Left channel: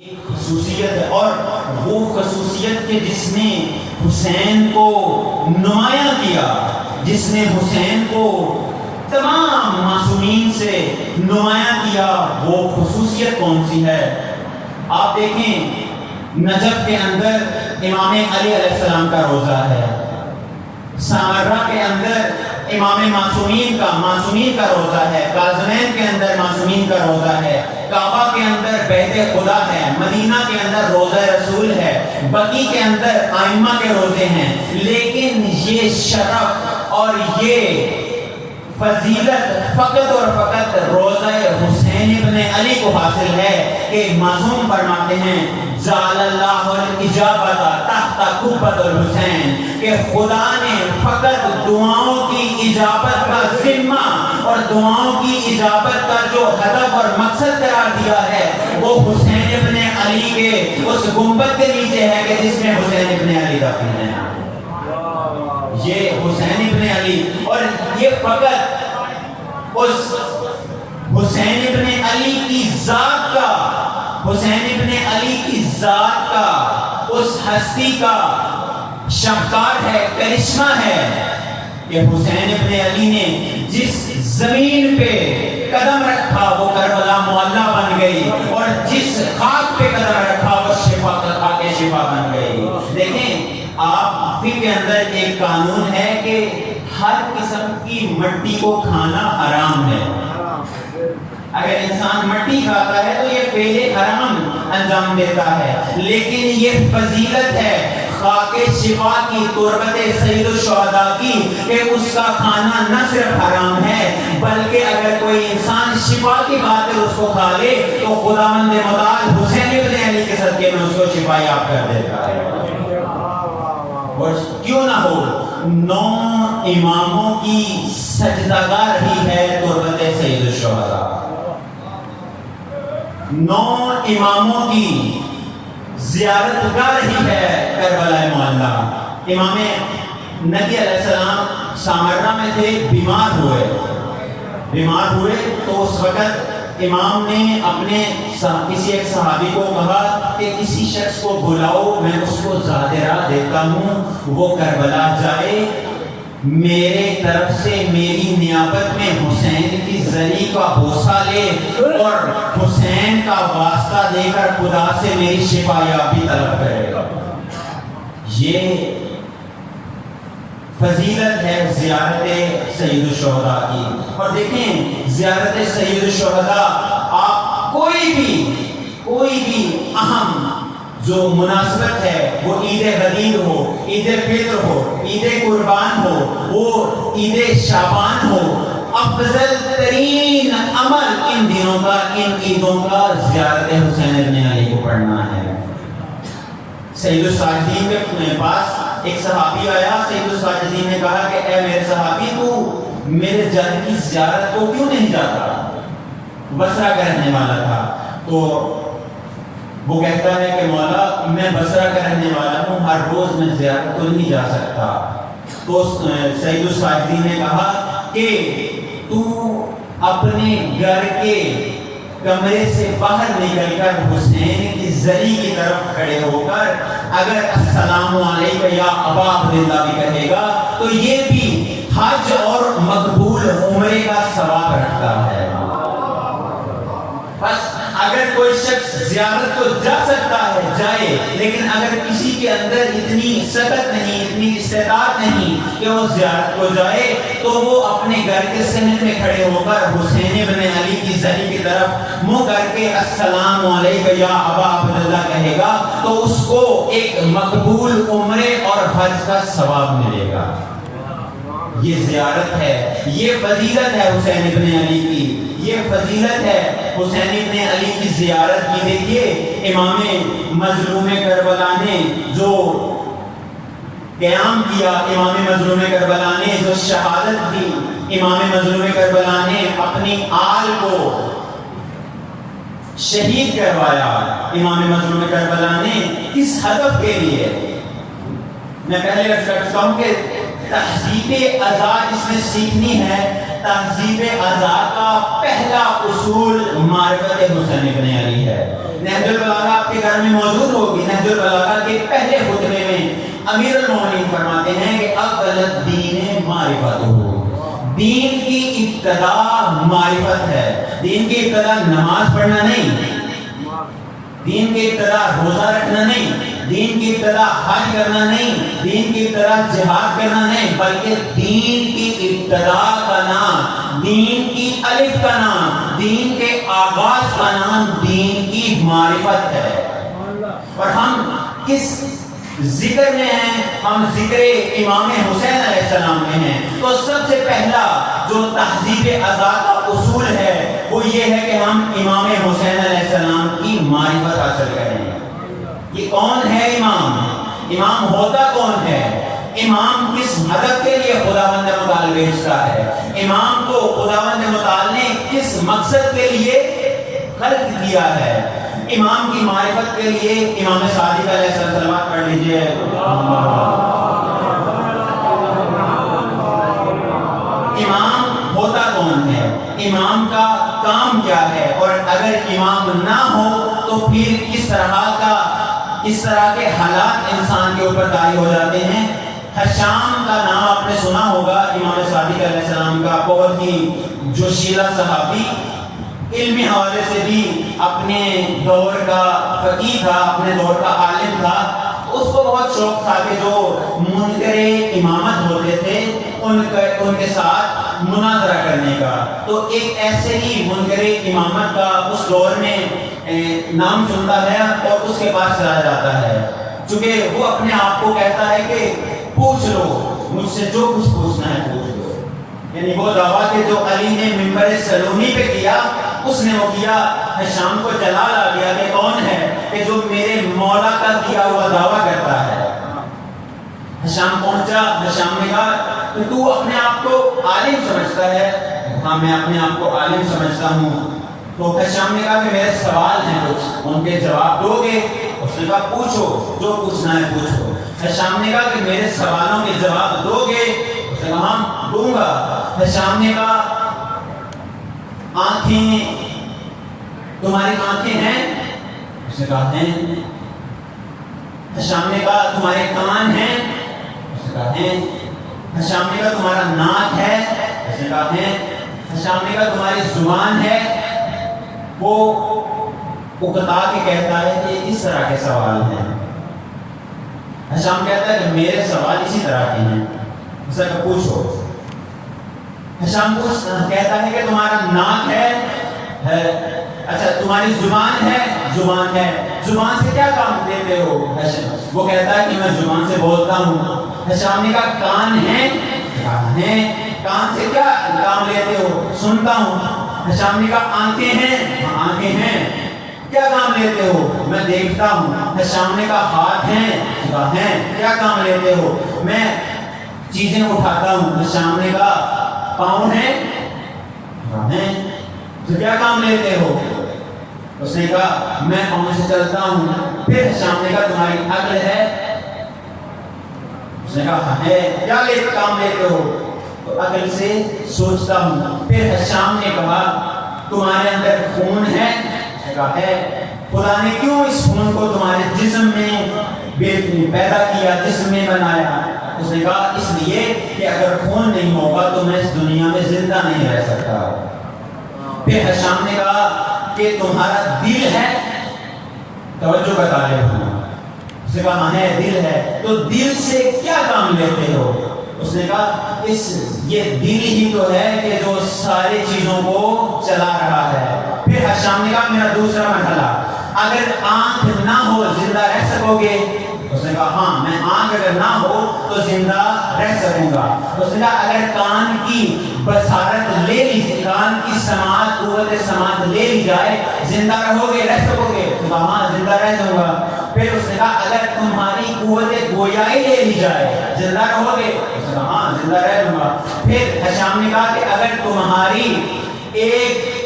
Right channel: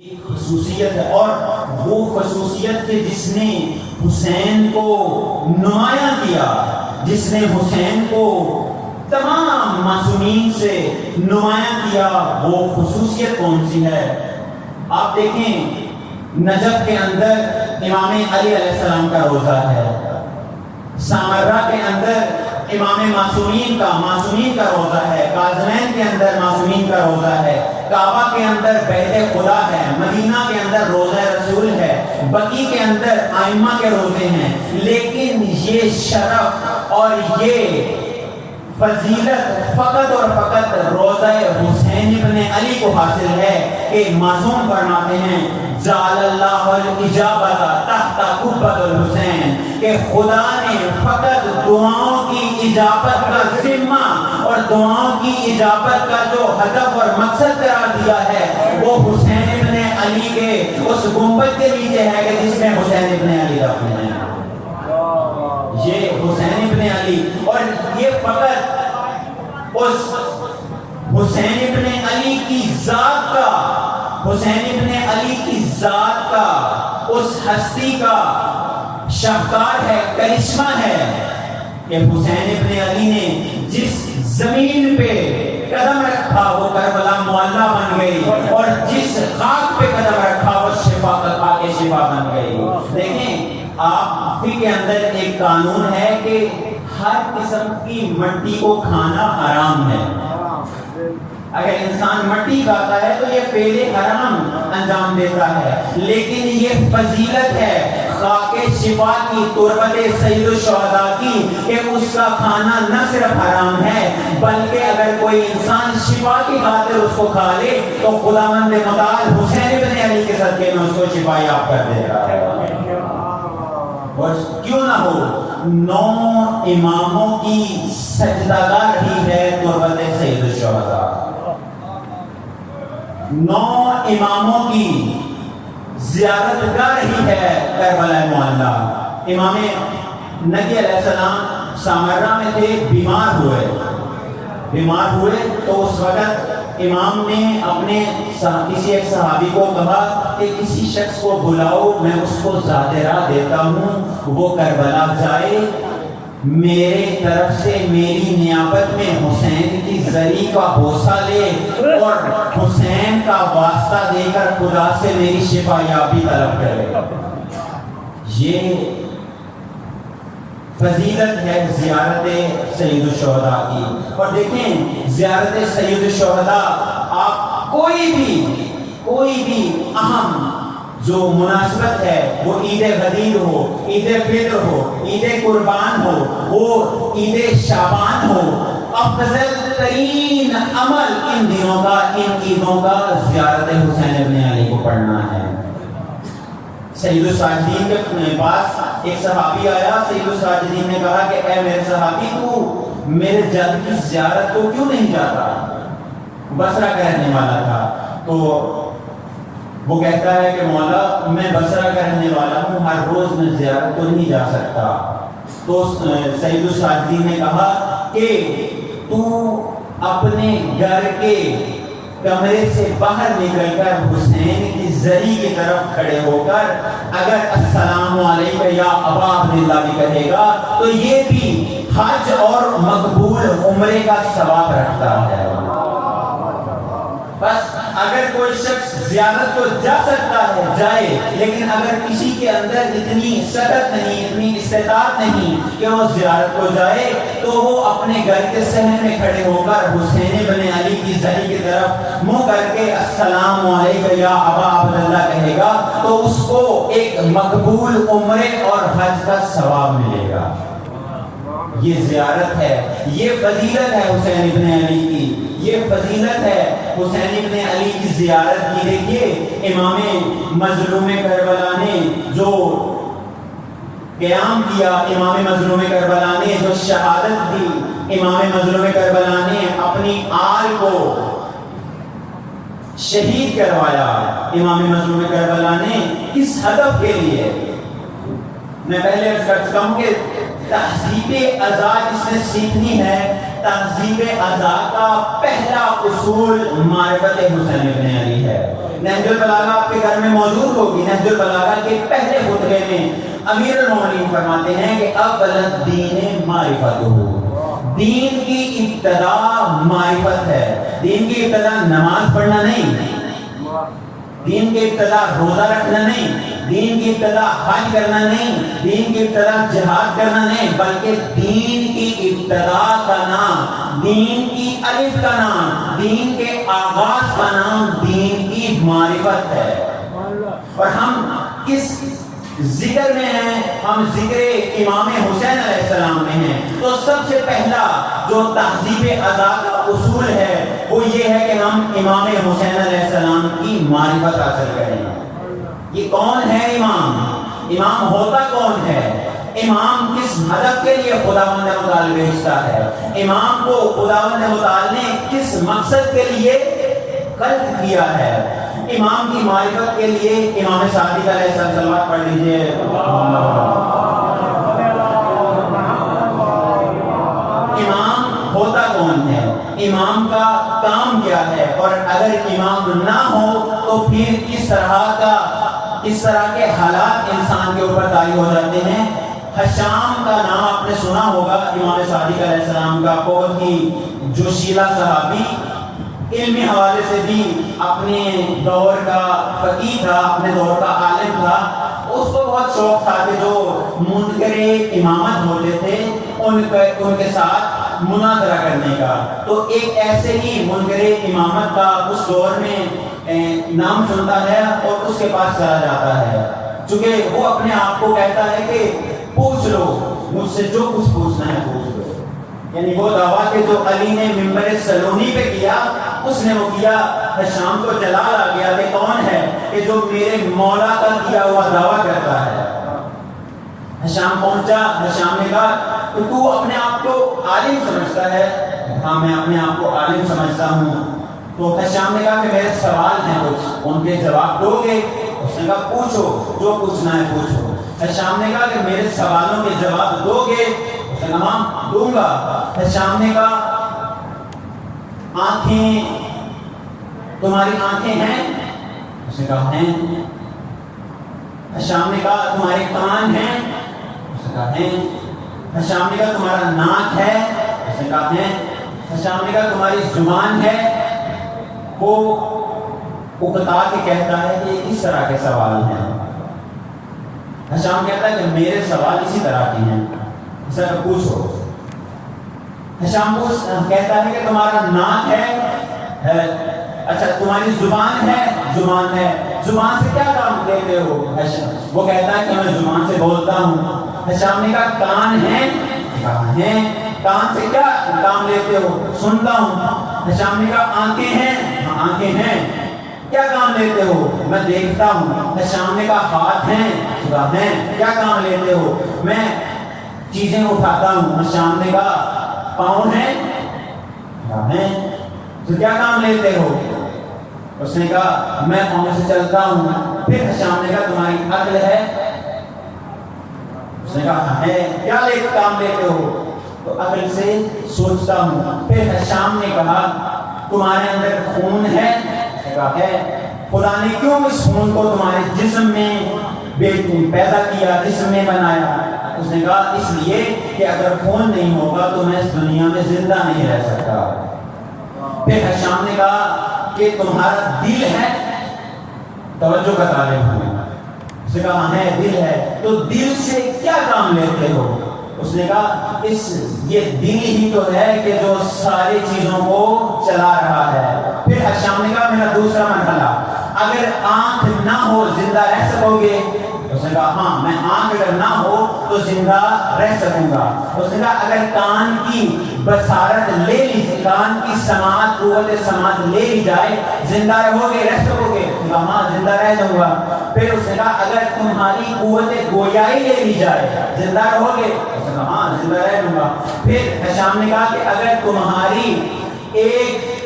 خصوصیت ہے، اور وہ خصوصیت کہ جس نے حسین کو نمایاں کیا، جس نے حسین کو تمام معصومین سے نمایاں کیا، وہ خصوصیت کون سی ہے؟ آپ دیکھیں نجف کے اندر امام علی علیہ السلام کا روضہ ہے، سامرہ کے اندر امام معصومین کا روضہ ہے، کاظمین کے اندر معصومین کا روضہ ہے، کعبہ کے اندر بیت خدا ہے، مدینہ کے اندر روضہ رسول ہے، بقیع کے اندر ائمہ کے روضے ہیں، لیکن یہ شرف اور یہ فضیلت فقط اور فقط روضہ حسین ابن علی کو حاصل ہے کہ معصوم فرماتے ہیں جعل اللہ الاجابۃ تحت قبۃ الحسین، کہ خدا نے فقط دعاؤں کی اجابت کا ذمہ اور دعاؤں کی اجابت کا جو ہدف اور مقصد قرار دیا ہے وہ حسین ابن علی کے اس گنبد کے نیچے ہے کہ جس میں حسین ابن علی دفن ہے۔ یہ حسین ابن علی، اور یہ فقط اس حسین ابن علی کی ذات کا، حسین ابن علی کی ذات کا، اس ہستی کا شاہکار ہے، کرشمہ ہے کہ حسین ابن علی نے جس زمین پہ قدم رکھا وہ کربلا معلیٰ بن گئی، اور جس خاک پہ قدم رکھا وہ شفا کا خاک شفا بن گئی۔ دیکھیں آپ فقہ کے اندر ایک قانون ہے کہ ہر قسم کی مٹی کو کھانا حرام ہے۔ اگر انسان مٹی کھاتا ہے تو یہ فعل حرام انجام دیتا ہے، لیکن یہ فضیلت ہے خاک شفا کی، تربت سید الشہداء کی، کہ اس کا کھانا نہ صرف حرام ہے بلکہ اگر کوئی انسان شفا کی خاطر اس کو کھا لے تو خداوند متعال حسین ابن علی کے صدقے میں اس کو شفا یاب کر دیتا ہے۔ اور کیوں نہ ہو، 9 اماموں کی سجدہ گاہ ہی ہے تربت سید الشہداء، 9 اماموں کی زیارت گاہ ہی ہے کربلا معلیٰ۔ امام نبی علیہ السلام سامرہ میں تھے، بیمار ہوئے تو اس وقت امام نے اپنے کسی ایک صحابی کو کہا کہ کسی شخص کو بلاؤ، میں اس کو ظاہرہ دیتا ہوں، وہ کربلا جائے، میرے طرف سے میری نیابت میں حسین کی زری کا بوسہ لے اور حسین کا واسطہ دے کر خدا سے میری شفا یابی طلب کرے۔ یہ فضیلت ہے زیارت سید الشہداء کی۔ اور دیکھیں زیارت سید الشہداء، آپ کوئی بھی اہم جو مناسبت ہے، وہ عید غدیر ہو، عید فطر ہو، عید قربان ہو، وہ عید شعبان ہو، افضل ترین عمل ان دنوں کا، ان عیدوں کا زیارت حسین ابن علی کو پڑھنا ہے۔ سید الساجدین کے پاس ایک صحابی آیا، سید الساجدین نے کہا کہ اے میرے صحابی، تو میرے جد کی زیارت کو کیوں نہیں جاتا؟ بصرہ کا رہنے والا تھا، تو وہ کہتا ہے کہ مولا میں بصرہ کا رہنے والا ہوں، ہر روز میں زیارت کو نہیں جا سکتا۔ تو سید الساجدین نے کہا کہ تو اپنے گھر کے کمرے سے باہر نکل کر حسین کی زری کی طرف کھڑے ہو کر اگر السلام علیکم یا ابا عبداللہ بھی کہے گا تو یہ بھی حج اور مقبول عمرے کا ثواب رکھتا ہے۔ بس اگر کوئی شخص زیارت کو جا سکتا ہے جائے، لیکن اگر کسی کے اندر اتنی سطح نہیں، اتنی استطاعت نہیں کہ وہ زیارت کو جائے، تو وہ اپنے گھر کے صحن میں کھڑے ہو کر حسین ابن علی کی زری کی طرف منہ کر کے السلام علیکم یا ابا عبداللہ کہے گا تو اس کو ایک مقبول عمرے اور حج کا ثواب ملے گا۔ یہ زیارت ہے، یہ فضیلت ہے حسین ابن علی کی، یہ فضیلت ہے حسین ابن علی کی زیارت کی۔ دیکھیے امام مظلوم کربلا نے جو قیام کیا، امام مظلوم کربلا نے جو شہادت دی، امام مظلوم کربلا نے اپنی آل کو شہید کروایا، امام مظلوم کربلا نے کس ہدف کے لیے؟ میں پہلے عرض کرتا ہوں کہ تہذیب ازا جس نے سیکھنی ہے، تہذیب ازا کا پہلا اصول معرفت حسین ابن علی ہے۔ نہج البلاغہ آپ کے گھر میں موجود ہوگی۔ نہج البلاغہ کے پہلے خطبے میں امیر المومنین فرماتے ہیں کہ اول الدین معرفت ہو، دین کی ابتدا معرفت ہے۔ دین کی ابتدا نماز پڑھنا نہیں، دین کی ابتدا روزہ رکھنا نہیں، دین کی ابتدا حج کرنا نہیں، دین کی ابتدا جہاد کرنا نہیں، بلکہ دین کی ابتدا کا نام، دین کی الف کا نام، دین کے آغاز کا نام دین کی معرفت ہے۔ اور ہم کس ذکر میں ہیں؟ ہم ذکر امام حسین علیہ السلام میں ہیں۔ تو سب سے پہلا جو تہذیب ازا کا اصول ہے وہ یہ ہے کہ ہم امام حسین علیہ السلام کی معرفت حاصل کریں۔ یہ کون ہے امام؟ امام ہوتا کون ہے؟ امام کس ہدف کے لیے خداوند متعال بھیجتا ہے؟ امام کو خداوند متعال نے کس مقصد کے لیے خلق کیا ہے؟ امام کی معرفت کے لیے امام صادق علیہ السلام پڑھ لیجئے۔ امام ہوتا کون ہے؟ امام کا کام کیا ہے؟ اور اگر امام نہ ہو تو پھر کس طرح کے حالات انسان کے اوپر طاری ہو جاتے ہیں۔ حشام کا نام آپ نے سنا ہوگا، امام صادق علیہ السلام کا بہت ہی جوشیلا صحابی، علمی حوالے سے بھی اپنے دور کا فقیہ تھا، اپنے دور کا عالم تھا۔ اس کو بہت شوق تھا کہ جو منکر امامت ہوتے تھے ان کے ساتھ مناظرہ کرنے کا۔ تو ایک ایسے ہی منکر امامت کا اس دور میں نام سنتا ہے اور اس کے پاس چلا جاتا ہے، چونکہ وہ اپنے آپ کو کہتا ہے کہ پوچھ لو مجھ سے جو کچھ پوچھنا ہے پوچھ لو۔ یعنی وہ دعویٰ کہ جو علی نے ممبر سلونی پہ کیا اس نے وہ کیا۔ حشام کو جلال آ گیا کہ کون ہے کہ جو میرے مولا کا کیا ہوا دعویٰ کرتا ہے۔ حشام پہنچا، حشام نے کہا تو اپنے آپ کو عالم سمجھتا ہے؟ ہاں میں اپنے آپ کو عالم سمجھتا ہوں۔ تو حشام نے کہا کہ میرے سوال ہیں کچھ، ان کے جواب دو گے؟ اس نے کہا پوچھو جو پوچھنا ہے پوچھو۔ حشام نے کہا کہ میرے سوالوں کے جواب دو گے؟ اس نے کہا ہاں دوں گا۔ حشام نے کہا آنکھیں تمہاری آنکھیں ہیں؟ اس نے کہا ہیں۔ حشام نے کہا تمہارے کان ہیں؟ اس نے کہا ہیں۔ حشام نے کہا تمہارا ناک ہے؟ اس نے کہا ہیں۔ حشام نے کہا تمہاری زبان ہے؟ وہ اکتا کے کہتا ہے کہ اس طرح کے سوال ہیں۔ حشام کہتا ہے کہ میرے سوال اسی طرح کے ہیں۔ اس طرح پوچھو۔ حشام کہتا ہے کہ تمہارا ناک ہے؟ اچھا تمہاری زبان ہے؟ زبان ہے۔ زبان سے کیا کام لیتے ہو؟ وہ کہتا ہے کہ میں زبان سے بولتا ہوں۔ حشام نے کہا کان ہیں؟ کان ہیں۔ کان سے کیا کام لیتے ہو؟ سنتا ہوں۔ حشام نے کہا آنکھیں ہیں؟ آنکھیں ہیں۔ کیا کام لیتے ہو؟ میں دیکھتا ہوں۔ حشام نے کہا ہاتھ ہیں؟ ہیں۔ کیا کام لیتے ہو؟ میں چیزیں اٹھاتا ہوں۔ حشام نے کہا پاؤں ہیں؟ ہیں۔ تو کیا کام لیتے ہو؟ اس نے کہا میں پاؤں سے چلتا ہوں۔ پھر حشام نے کہا تمہاری عقل ہے؟ اس نے کہا ہے۔ کیا کام لیتے ہو؟ تو عقل سے سوچتا ہوں۔ پھر حشام نے کہا تمہارے اندر خون ہے؟ اس نے کہا ہے۔ خدا نے کیوں اس خون کو تمہارے جسم میں پیدا کیا، جسم میں بنایا؟ اس نے کہا اس لیے کہ اگر خون نہیں ہوگا تو میں اس دنیا میں زندہ نہیں رہ سکتا۔ پھر حشام نے کہا کہ تمہارا دل ہے؟ توجہ کا طالب ہوں۔ اس نے کہا ہے دل ہے۔ تو دل سے کیا کام لیتے ہو؟ اس نے کہا یہ دل ہی تو ہے کہ جو ساری چیزوں کو چلا رہا ہے۔ پھر حشام نے کہا میرا دوسرا مرحلہ، اگر آنکھ نہ ہو زندہ رہ سکو گے؟ اس نے کہا ہاں میں آنکھ اگر نہ ہو تو زندہ رہ سکوں گا۔ اس نے کہا اگر کان کی بصارت لے لی، کان کی سماعت، قوت سماعت لے لی جائے زندہ رہو گے، رہ سکو گے؟ اس نے کہا ہاں زندہ رہ جاؤں گا۔ پھر اس نے کہا اگر تمہاری قوت گویائی لے لی جائے زندہ رہو گے؟ اس نے کہا ہاں زندہ رہ جاؤں گا۔ پھر حشام نے کہا کہ اگر تمہاری ایک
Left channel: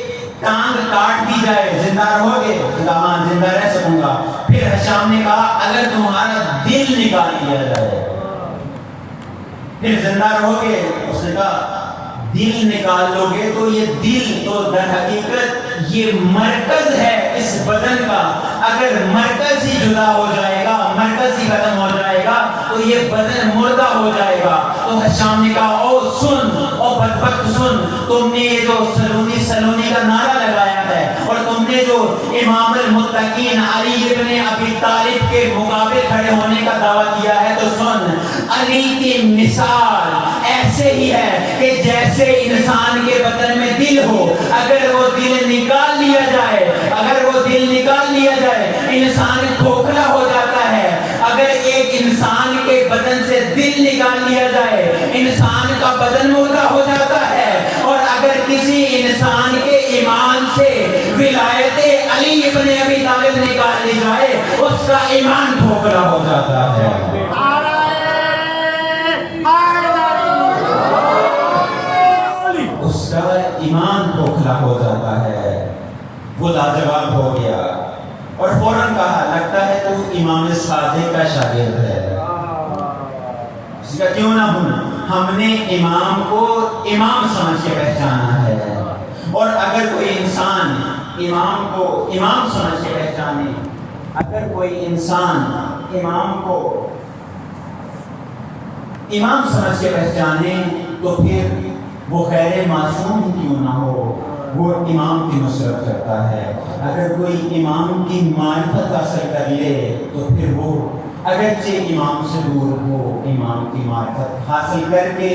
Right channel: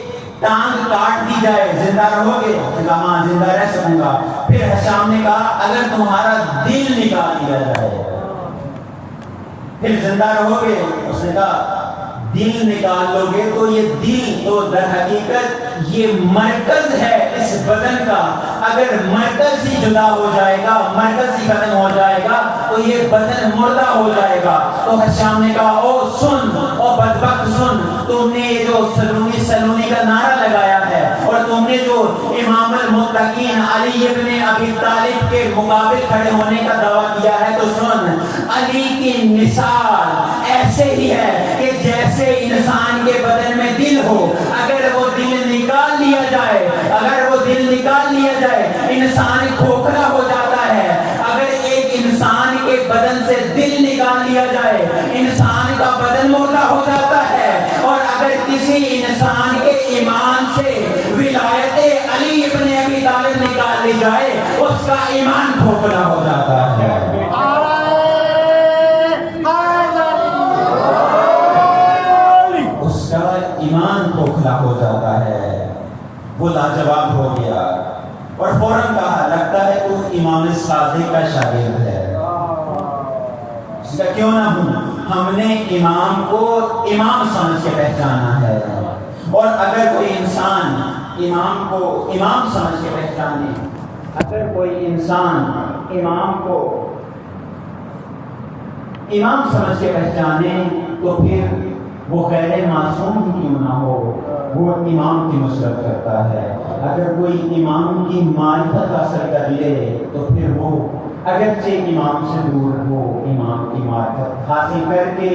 ٹانگ کاٹ دی جائے زندہ رہو گے؟ اس نے کہا ہاں زندہ رہ سکوں گا۔ پھر حشام نے کہا اگر تمہارا دل نکال دیا جائے پھر زندہ رہو گے؟ اس نے کہا دل نکال لو گے تو یہ دل تو در حقیقت یہ مرکز ہے اس بدن کا، اگر مرکز ہی جدا ہو جائے گا، مرکز ہی ختم ہو جائے گا تو یہ بدن مردہ ہو جائے گا۔ تو حشام نے کہا او سن، او بدبخت سن، تم نے یہ جو سلونی کا نعرہ لگایا ہے اور تم نے جو امام المتقین علی ابن ابی طالب کے مقابل کھڑے ہونے کا دعویٰ کیا ہے، تو سن، علی کی مثال ایسے ہی ہے کہ جیسے انسان کے بدن میں دل ہو، اگر وہ دل نکال لیا جائے، اگر وہ دل نکال لیا جائے انسان کھوکھلا ہو جاتا ہے۔ اگر ایک انسان کے بدن سے دل نکال لیا جائے انسان کا بدن مردہ ہو جاتا ہے، اور اگر کسی انسان کے ایمان سے ولایت علی ابن ابی طالب نکال لی جائے اس کا ایمان کھوکھلا ہو جاتا ہے۔ ایمان کھوکھلا ہو جاتا ہے۔ وہ لاجواب ہو گیا اور فوراً کہا لگتا ہے تو امام صادق کا شاگرد ہے۔ اس کا کیوں نہ ہوں، ہم نے امام کو امام سمجھ کے پہچانا ہے، اور اگر کوئی انسان امام کو امام سمجھ کے پہچانے، اگر کوئی انسان امام کو امام سمجھ کے پہچانے تو پھر وہ غیر معصوم ہی کیوں نہ ہو وہ امام کی نصرت کرتا ہے۔ اگر کوئی امام کی معرفت حاصل کر لے تو پھر وہ اگرچہ امام سے دور ہو، امام کی معرفت حاصل کر کے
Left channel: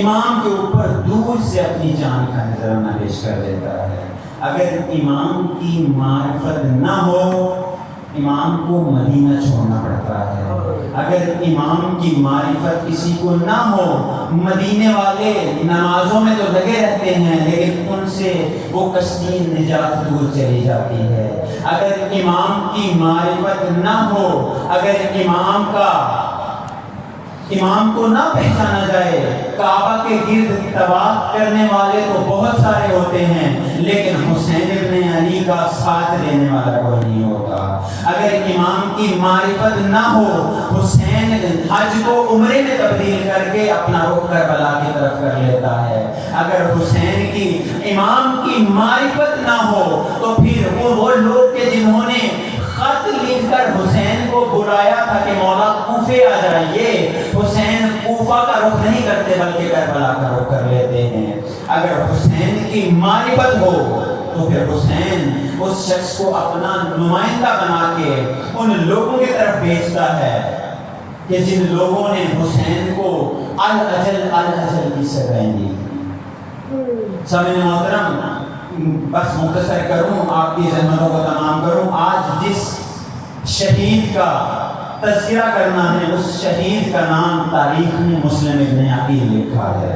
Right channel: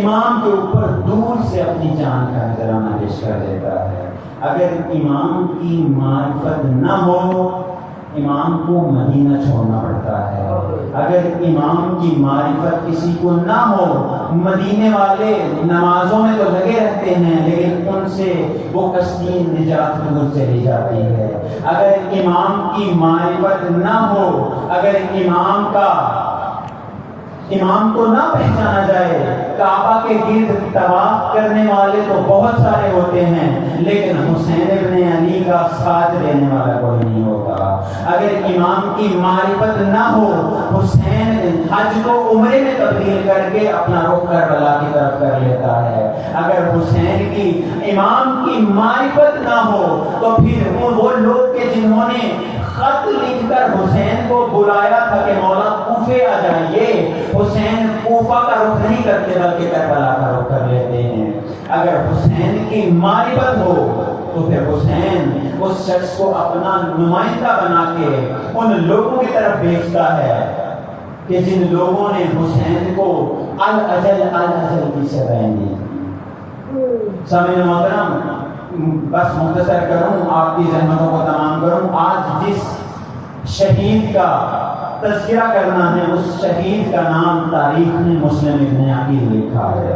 امام کے اوپر دور سے اپنی جان کا نذرانہ پیش کر دیتا ہے۔ اگر امام کی معرفت نہ ہو امام کو مدینہ چھوڑنا پڑتا ہے۔ اگر امام کی معرفت کسی کو نہ ہو، مدینے والے نمازوں میں تو لگے رہتے ہیں لیکن ان سے وہ کشتی نجات دور چلی جاتی ہے۔ اگر امام کی معرفت نہ ہو، اگر امام کو نہ پہچانا جائے، کعبہ کے گرد طواف کرنے والے تو بہت سارے ہوتے ہیں لیکن حسین ابن علی کا ساتھ دینے والا کوئی نہیں ہوتا۔ اگر امام کی معرفت نہ ہو، حسین حج کو عمرے میں تبدیل کر کے اپنا رخ کربلا کی طرف کر لیتا ہے۔ اگر حسین کی امام کی معرفت نہ ہو تو پھر وہ لوگ کہ جنہوں نے خط لکھ کر حسین کو بلایا تھا کہ مولا کوفے آ جائیے، حسین کوفہ کا رخ نہیں کرتے بلکہ کربلا کا رخ کر لیتے ہیں۔ اگر حسین کی معرفت ہو تو پھر حسین اس شخص کو اپنا نمائندہ بنا کے ان لوگوں کی طرف بھیجتا ہے کہ جن لوگوں نے حسین کو الاجل کی سزائیں دی۔ سامعین محترم، بس مختصر کروں، آپ کی زحمتوں کو تمام کروں، آج جس شہید کا تذکرہ کرنا ہے اس شہید کا نام تاریخ میں مسلم ابن عقیل لکھا ہے۔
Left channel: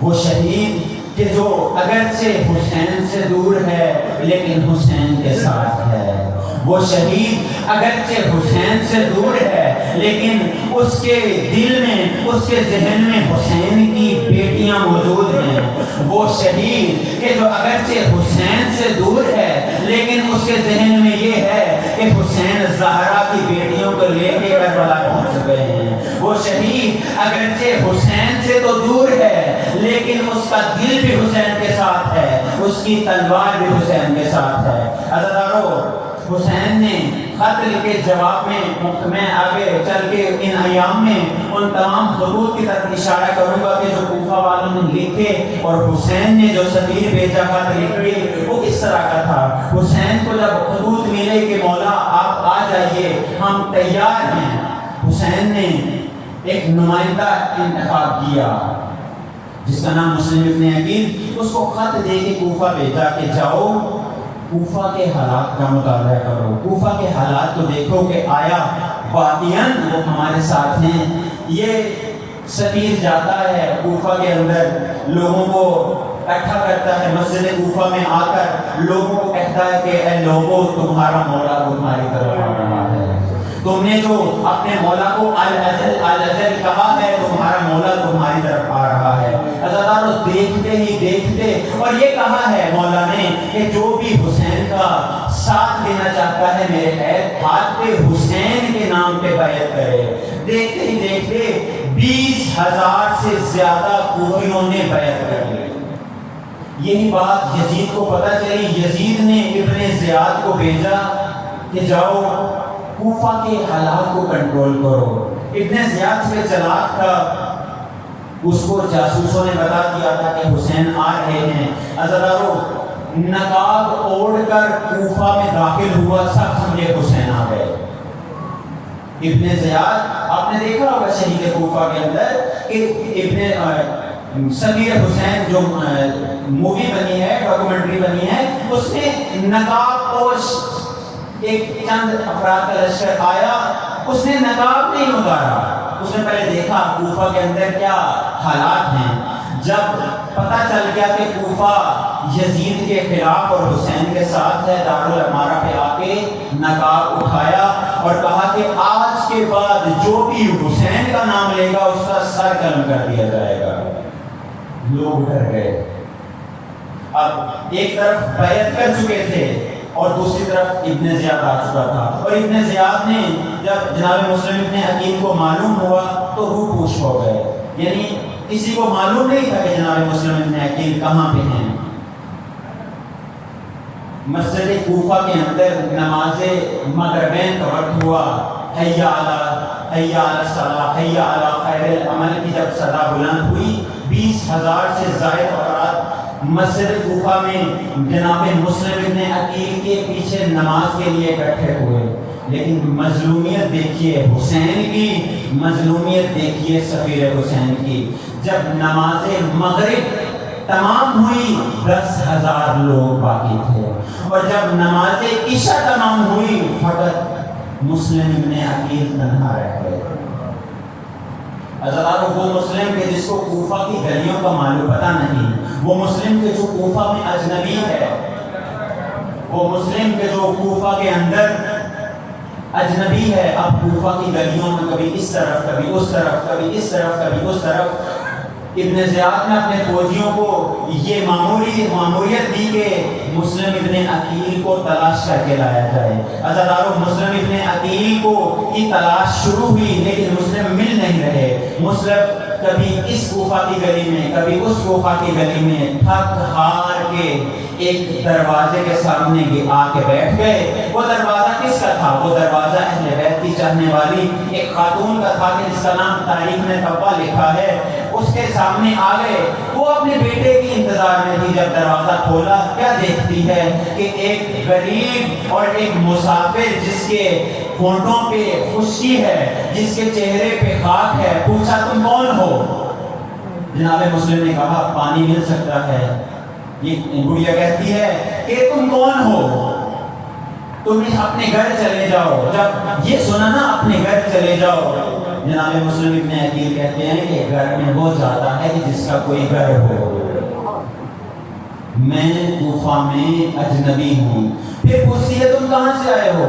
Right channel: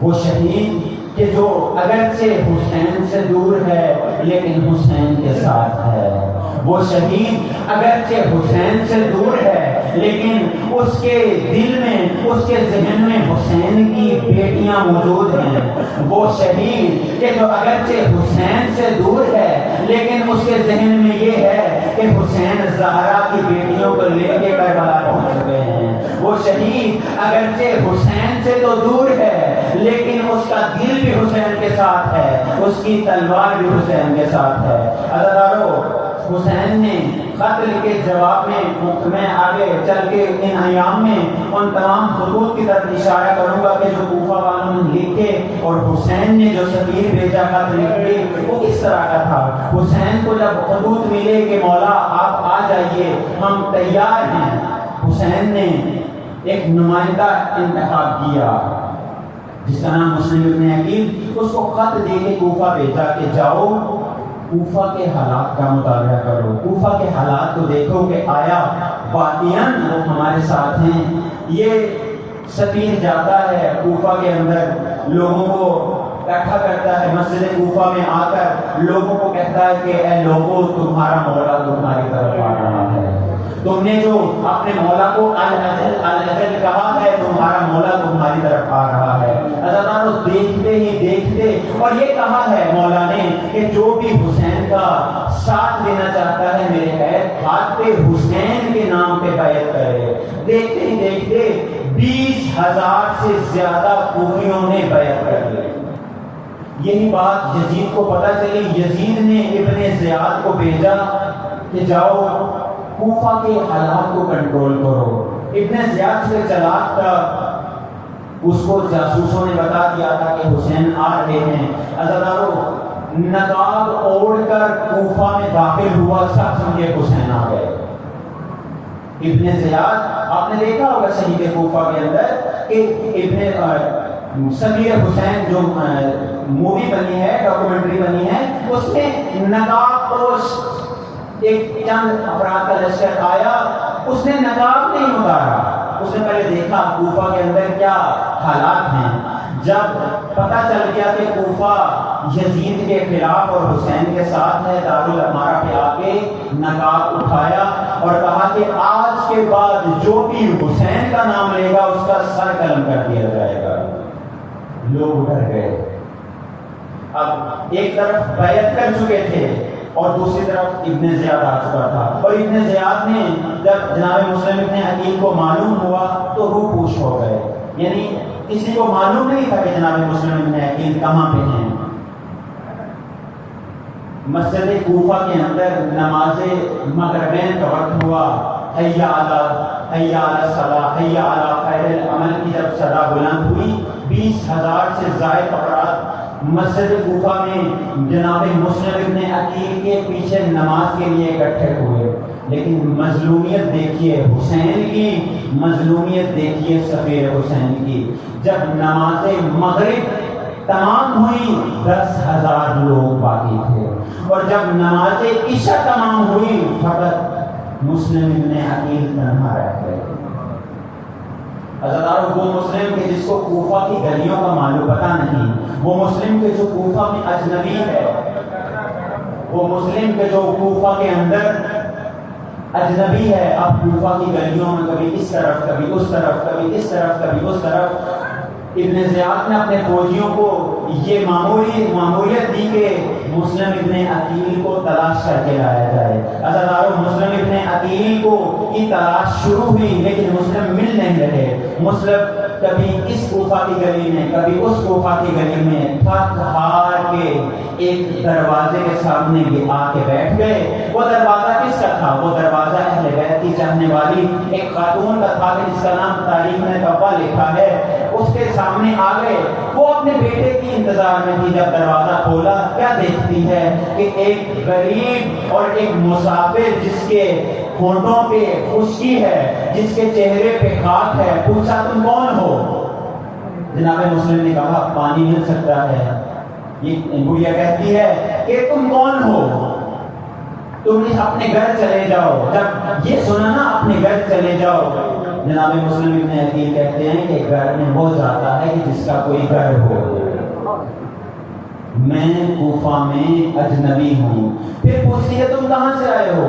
وہ شہید کہ جو اگرچہ حسین سے دور ہے لیکن حسین کے ساتھ ہے۔ وہ شہید اگرچہ حسین سے دور ہے لیکن اس کے دل میں، اس کے ذہن میں حسین کی بیٹیاں موجود ہیں۔ وہ شہید کہ جو اگرچہ حسین سے دور ہے لیکن اس کے ذہن میں یہ ہے کہ حسین زہرا کی بیٹیوں کو لے کے کربلا پہنچ گئے ہیں۔ وہ شہید اگرچہ حسین سے تو دور ہے لیکن اس کا دل بھی حسین کے ساتھ ہے، اس کی تلوار بھی حسین کے ساتھ ہے۔ عزیزانو، حسین نے خط کے جواب میں آگے چل کے ان ایام میں ان تمام خطوط کی طرف اشارہ کروں گا کہ جو کوفہ والوں نے لکھے، اور حسین نے جو سفیر بھیجا خط لکھ کے وہ کس طرح کا تھا۔ حسین کو جب خطوط ملے کہ مولا آپ آ جائیے، ہم تیار ہیں، حسین نے ایک نمائندہ انتخاب کیا جس کا نام مسلم ابن عقیل، اس کو خط دے کے کوفہ بھیجا کہ جاؤ کوفہ کے حالات کا مطالعہ کرو، کوفہ کے حالات کو دیکھو کہ آیا واقعاً وہ ہمارے ساتھ ہیں۔ یہ سفیر جاتا ہے کوفہ کے اندر، لوگوں کو اکٹھا کرتا ہے، مسجد کوفہ میں آ کر لوگوں کو کہتا ہے کہ اے لوگوں، تمہارا مولا تمہاری طرف آ رہا ہے، تم نے جو اپنے مولا کو الاجل کہا ہے، تمہارا مولا تمہاری طرف آ رہا ہے۔ عزیزانو، دیکھتے ہی دیکھتے، اور یہ کہا ہے مولا نے کہ جو بھی حسین کا ساتھ دینا چاہتا ہے میرے ہاتھ پہ حسین کے نام پہ بیعت کرے۔ دیکھتے ہی دیکھتے 20,000 سے زیادہ کوفیوں نے بیعت کر لی۔ یہی بات یزید کو پتہ چلی، یزید نے ابن زیاد کو بھیجا کہ جاؤ کوفہ کے حالات کو کنٹرول کرو۔ ابن زیاد سے چلاک تھا، اس کو جاسوسوں نے بتا دیا تھا کہ حسین آ رہے ہیں۔ عزادارو نقاب اوڑھ کر کوفہ میں داخل ہوا، سب سمجھے حسین آ گئے۔ ابن زیاد آپ نے دیکھا ہوگا شہید کوفہ کے اندر کہ صغیر حسین جو مووی بنی ہے، ڈاکومنٹری بنی ہے، اس میں نقاب پوش ایک چند افراد کا لشکر آیا، اس نے نقاب نہیں اتارا، اس نے پہلے دیکھا کوفہ کے اندر کیا حالات ہیں۔ جب پتہ چل گیا کہ کوفہ یزید کے خلاف اور حسین کے ساتھ ہے، دارالامارہ پہ آ کے نقاب اٹھایا اور کہا کہ آج کے بعد جو بھی حسین کا نام لے گا اس کا سر قلم کر دیا جائے گا۔ لوگ ڈر گئے۔ اب ایک طرف بیعت کر چکے تھے اور دوسری طرف ابن زیاد آ چکا تھا، اور ابن زیاد نے جب جناب مسلم ابن عقیل کو معلوم ہوا تو روح پوش ہو گئے، یعنی کسی کو معلوم نہیں تھا کہ جناب مسلم ابن عقیل کہاں پہ ہیں۔ مسجد کوفہ کے اندر نماز مغربین کا وقت ہوا، حی علی الصلاۃ، حی علی خیر العمل کی جب صدا بلند ہوئی، 20,000 سے زائد افراد مسجد کوفہ میں جناب مسلم ابن عقیل کے پیچھے نماز کے لیے اکٹھے ہوئے۔ لیکن مظلومیت دیکھیے حسین کی، مظلومیت دیکھیے صغیر حسین کی۔ جب نماز مغرب تمام ہوئی 10,000 لوگ باقی تھے، اور جب نماز عشاء تمام ہوئی فقط مسلم ابن عقیل تنہا رہ گئے۔ عزادارو وہ مسلم کے جس کو کوفہ کی گلیوں کا معلوم پتہ نہیں، وہ مسلم کے جو کوفہ میں اجنبی ہے، وہ مسلم کے جو کوفہ کے اندر اجنبی ہے، اب کوفہ کی گلیوں میں کبھی اس طرف کبھی اس طرف، کبھی اس طرف کبھی اس طرف۔ ابن زیاد نے اپنے فوجیوں کو یہ ماموریت دی کہ مسلم ابن عقیل کو تلاش کر کے لایا جائے۔ عزادارو مسلم ابن عقیل کو کی تلاش شروع ہوئی لیکن مسلم مل نہیں رہے۔ مسلم کبھی اس کوفہ کی گلی میں کبھی اس کوفہ کی گلی میں تھک ہار کے ایک دروازے کے سامنے آ کے بیٹھ گئے۔ وہ دروازہ کس کا تھا؟ وہ دروازہ اہل بیت کی چاہنے والی ایک خاتون کا تھا جس کا نام تاریخ میں طبع لکھا ہے۔ اس کے سامنے آ گئے، وہ اپنے بیٹے کی انتظار میں تھی۔ جب دروازہ کھولا کیا دیکھتی ہے کہ ایک غریب اور ایک مسافر جس کے ہونٹوں پہ خشکی ہے، جس کے چہرے پہ خاک ہے۔ پوچھا تم کون ہو؟ جناب مسلم نے کہا پانی مل سکتا ہے۔ یہ گڑیا کہتی ہے کہ تم کون ہو؟ تم اپنے گھر چلے جاؤ۔ جب یہ سنا نا اپنے گھر چلے جاؤ، جناب مسلم ابن عقیل کہتے ہیں کہ گھر میں وہ جاتا ہے کہ جس کا کوئی گھر ہو۔ میں کوفہ میں اجنبی ہوں۔ پھر پوچھتی ہے تم کہاں سے آئے ہو؟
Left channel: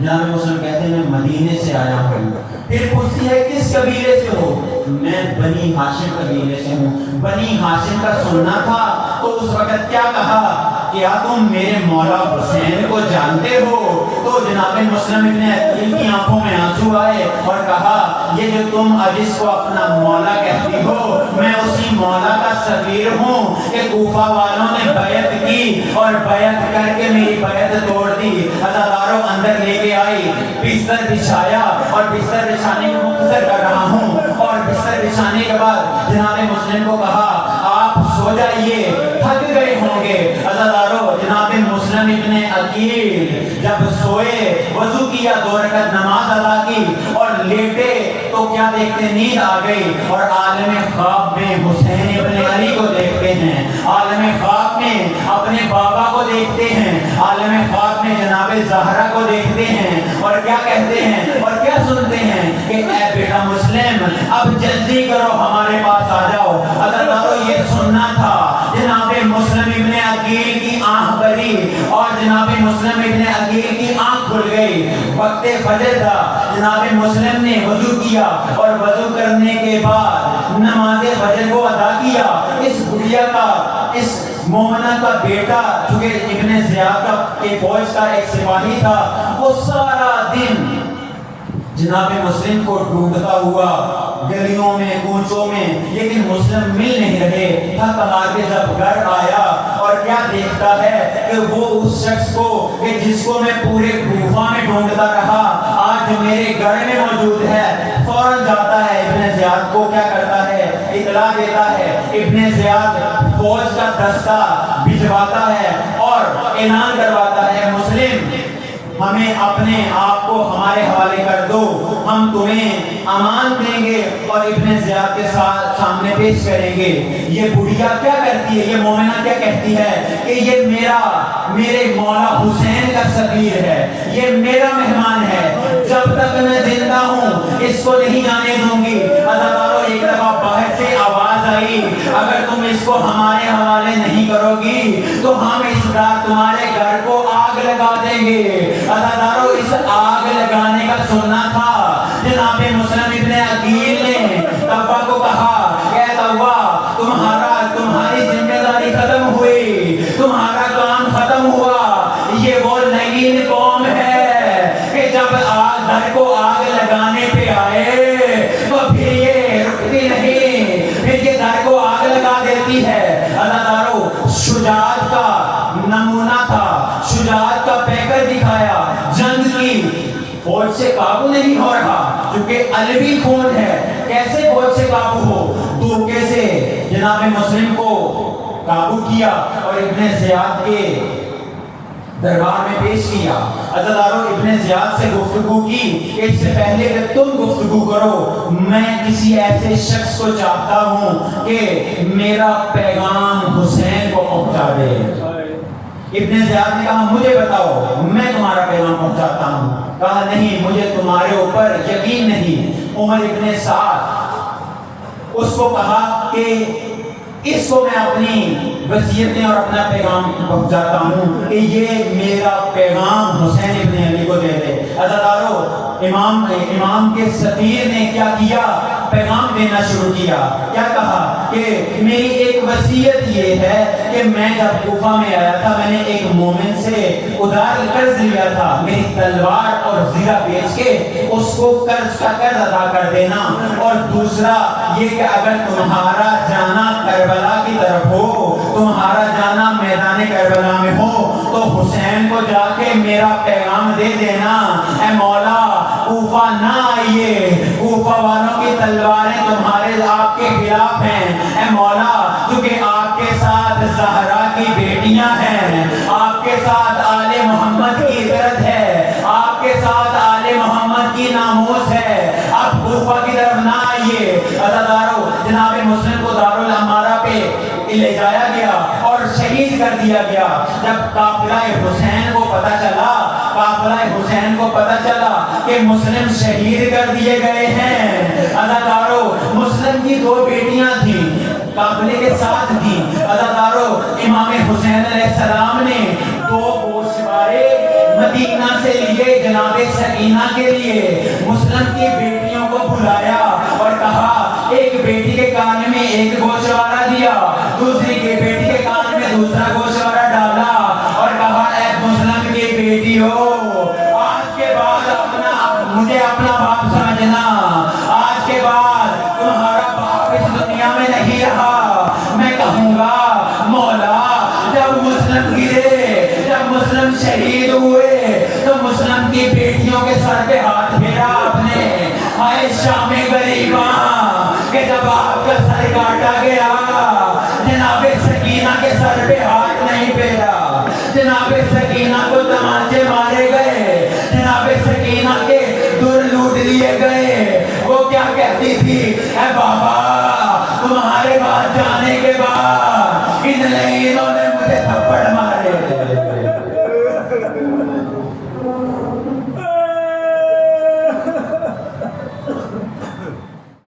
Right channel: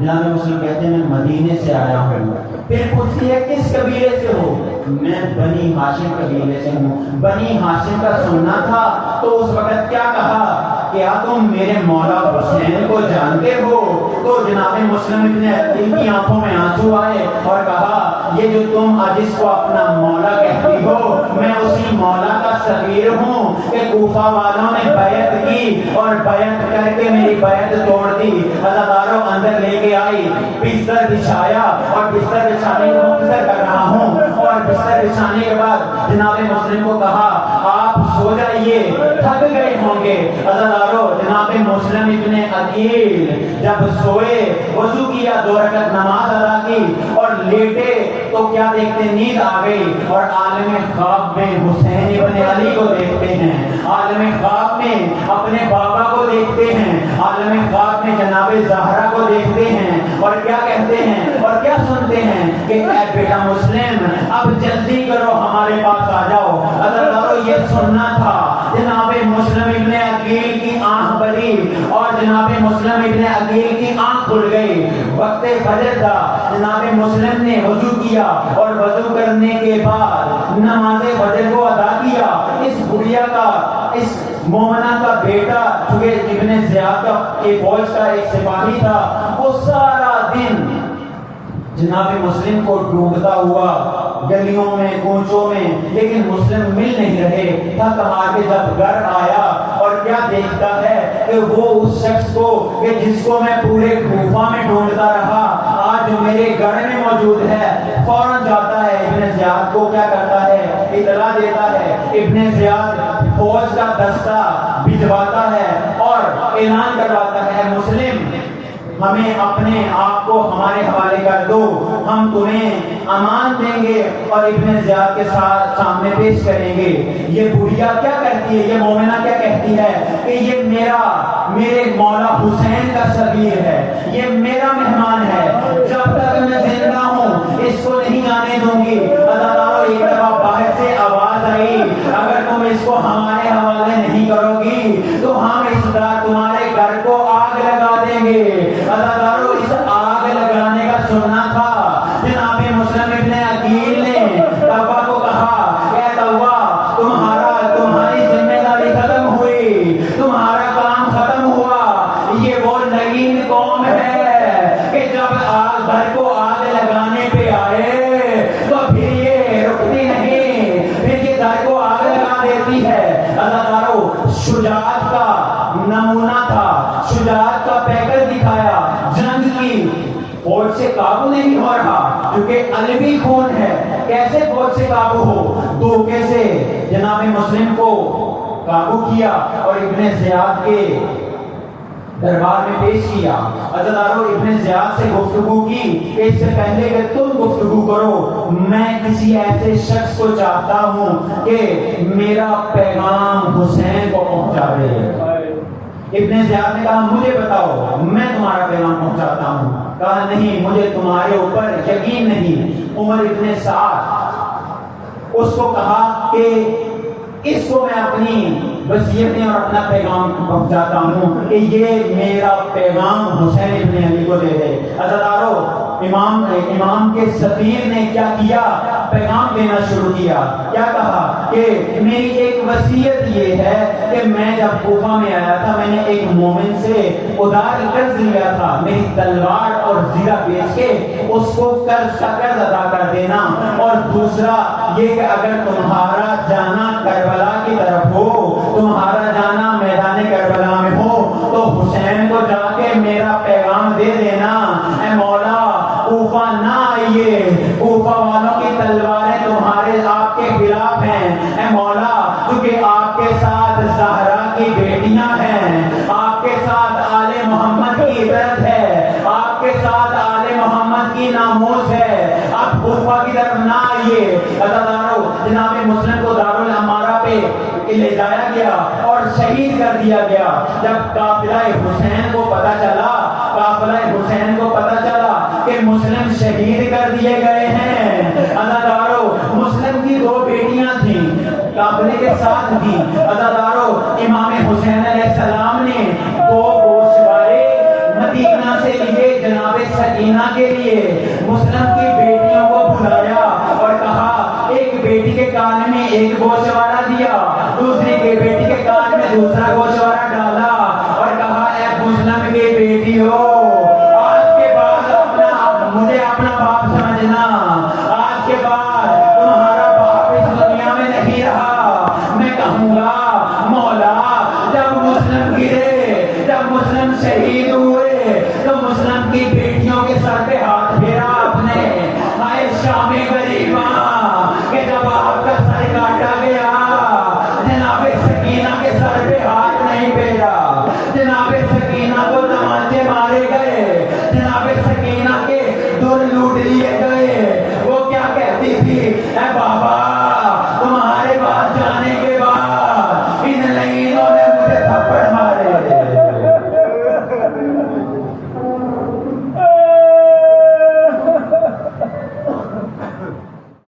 جناب مسلم کہتے ہیں میں مدینے سے آیا ہوں۔ پھر پوچھتی ہے کس قبیلے سے ہو؟ میں بنی ہاشم قبیلے سے ہوں۔ بنی ہاشم کا سننا تھا تو اس وقت کیا کہا؟ کیا تم میرے مولا حسین کو جانتے ہو؟ تو جناب مسلم ابن عقیل کی آنکھوں میں آنسو آئے اور کہا یہ جو تم اب اس کو اپنا مولا کہتی ہو، میں اسی مولا کا صغیر ہوں کہ کوفہ والوں نے بیعت کی اور بیعت کر کے میری بیعت توڑ دی۔ عزاداروں اندر لے کے آئی، بستر بچھایا اور بستر بچھانے کو مختصر کر رہا ہوں، اور بستر بچھانے کے بعد جناب مسلم کو کہا آپ سو جائیے، تھک گئے ہوں گے۔ عزاداروں جناب مسلم ابن عقیل جب سوئے، وضو کیا، 2 رکعت نماز ادا کی اور لیٹے تو کیا دیکھتے؟ نیند آ گئی، اور عالم خواب میں حسین ابن علی کو دیکھتے ہیں، عالم خواب میں اپنے بابا کو دیکھتے ہیں، عالم خواب میں جناب زہرا کو دیکھتے ہیں، اور کیا کہتے ہیں اور کیا سنتے ہیں کہ اے بیٹا مسلم اب جلدی کرو ہمارے پاس آ جاؤ۔ عزاداروں یہ سننا تھا۔ جناب مسلم ابن عقیل کی آنکھ بری اور جناب مسلم ابن عقیل کی آنکھ کھل گئی۔ وقت فجر تھا، جناب مسلم نے وضو کیا اور وضو کرنے کے بعد نماز فجر کو ادا کیا۔ اس بڑھیا کا، اس مومنہ کا بیٹا چونکہ ابن زیاد کا فوج کا ایک سپاہی تھا، وہ سارا دن جناب مسلم کو ڈھونڈتا ہوا گلیوں میں کوچوں میں، لیکن مسلم مل نہیں رہے۔ تھک مار کے جب گھر آیا اور کیا دیکھتا ہے کہ وہ اس شخص کو کہ جس کو میں پورے کوفہ میں ڈھونڈتا رہا آج میرے گھر میں موجود ہے۔ فوراً جاتا ہے ابن زیاد کو کیا کرتا ہے، اطلاع دیتا ہے۔ ابن زیاد فوج کا دستہ بھجواتا ہے اور اعلان کرواتا ہے، مسلم ہمیں اپنے آپ کو ہمارے حوالے کر دو، ہم تمہیں امان دیں گے اور ابن زیاد کے ساتھ سامنے پیش کریں گے۔ یہ بڑھیا کیا کرتی ہے، یہ مومنہ کیا کہتی ہے کہ یہ میرے مولا حسین کا صغیر ہے، یہ میرا مہمان ہے، جب تک میں زندہ ہوں اس کو نہیں جانے دوں گی۔ عزیزانو، ایک دفعہ باہر سے آواز آئی، اگر تم اس کو ہمارے حوالے نہیں کرو گی تو ہم اس رات تمہارے گھر کو آگ لگا دیں گے۔ عزیزانو، اس آگ لگانے کا سننا تھا۔ جناب مسلم ابن عقیل نے توبہ کو کہا کہ اے توبہ، تمہاری ذمہ داری ختم ہوئی، تمہارا کام ختم ہوا۔ یہ وہ لعین قوم ہے کہ جب گھر کو آگ لگانے پہ آئے تو پھر یہ رکتی نہیں، پھر یہ گھر کو آگ لگا دیتی ہے۔ عزیزانو، شجاعت کا نمونہ تھا، شجاعت کا پیکر دکھایا۔ جنگ کی فوج سے قابو نہیں ہو رہا کیونکہ علوی خون ہے، کیسے فوج سے قابو ہو؟ دھوکے سے جناب مسلم کو قابو کیا اور ابن زیاد کے دربار میں پیش کیا۔ عزیزانو، ابن زیاد سے گفتگو کی کہ اس سے پہلے کہ تم گفتگو کرو میں کسی ایسے شخص کو چاہتا ہوں کہ میرا پیغام حسین کو پہنچا دے۔ ابن زیاد نے کہا مجھے بتاؤ، میں تمہارا پیغام پہنچاتا ہوں۔ کہا نہیں، مجھے تمہارے اوپر یقین نہیں۔ عمر ابن سعد اس کو کہا کہ اس کو میں اپنی وصیتیں اور اپنا پیغام پہنچاتا ہوں کہ یہ میرا پیغام حسین ابن علی کو دے دے۔ عزیزانو، امام کے سفیر نے کیا کیا، پیغام دینا شروع کیا۔ کیا کہا کہ میری ایک وصیت یہ ہے کہ میں جب کوفہ میں آیا تھا میں نے ایک مومن سے ادھار قرض لیا تھا، میری تلوار اور زیرہ بیچ کے اس کو قرض کا قرض ادا کر دینا، اور دوسرا یہ کہ اگر تمہارا جانا کربلا کی طرف ہو، تمہارا جانا میدان کربلا میں ہو تو حسین کو جا کے میرا پیغام دے دینا، اے مولا کوفہ نہ آئیے، کوفہ والوں کی تلواریں تمہارے آپ کے خلاف ہیں، اے مولا کیونکہ آپ کے ساتھ زہرا کی بیٹیاں ہیں، آپ کے ساتھ آل محمد کی عزت ہے، آپ کے ساتھ آل محمد کی ناموس ہے، آپ کوفہ کی طرف نہ آئیے۔ عزیزانو، جناب مسلم کو دارالامارہ پہ لے جایا گیا اور شہید کر دیا گیا۔ جب قافلہ حسین کو پتہ چلا کہ مسلم شہید کر دیے گئے ہیں، عزیزانو مسلم کی دو بیٹیاں تھیں، قافلے کے ساتھ تھیں۔ عزیزانو، امام حسین علیہ السلام نے دو گوشوارے مدینہ سے لیے جناب سکینہ کے لیے، مسلم کی بیٹیوں کو بلایا اور کہا ایک بیٹی کے کان میں ایک گوشوارہ دیا، دوسری کے بیٹی کے کان میں دوسرا گوشوارہ ڈالا اور کہا اے مسلم کی بیٹیوں، آج کے بعد مجھے اپنا باپ سمجھنا، آج کے بعد تمہارا باپ اس دنیا میں نہیں رہا۔ میں کہوں گا مولا جب مسلم گرے، جب مسلم شہید ہوئے تو مسلم کی بیٹیوں کے سر پہ ہاتھ پھیرا آپ نے، ہائے شام غریباں کہ جب آپ کا سر کاٹا گیا جناب سکینہ کے سر پہ ہاتھ نہیں پھیرا، جناب سکینہ کو تمانچے مارے گئے، جناب سکینہ کے در لوٹ لیے گئے۔ وہ کیا کہتی تھی، اے بابا تمہارے پاس جانے کے بعد ان لعینوں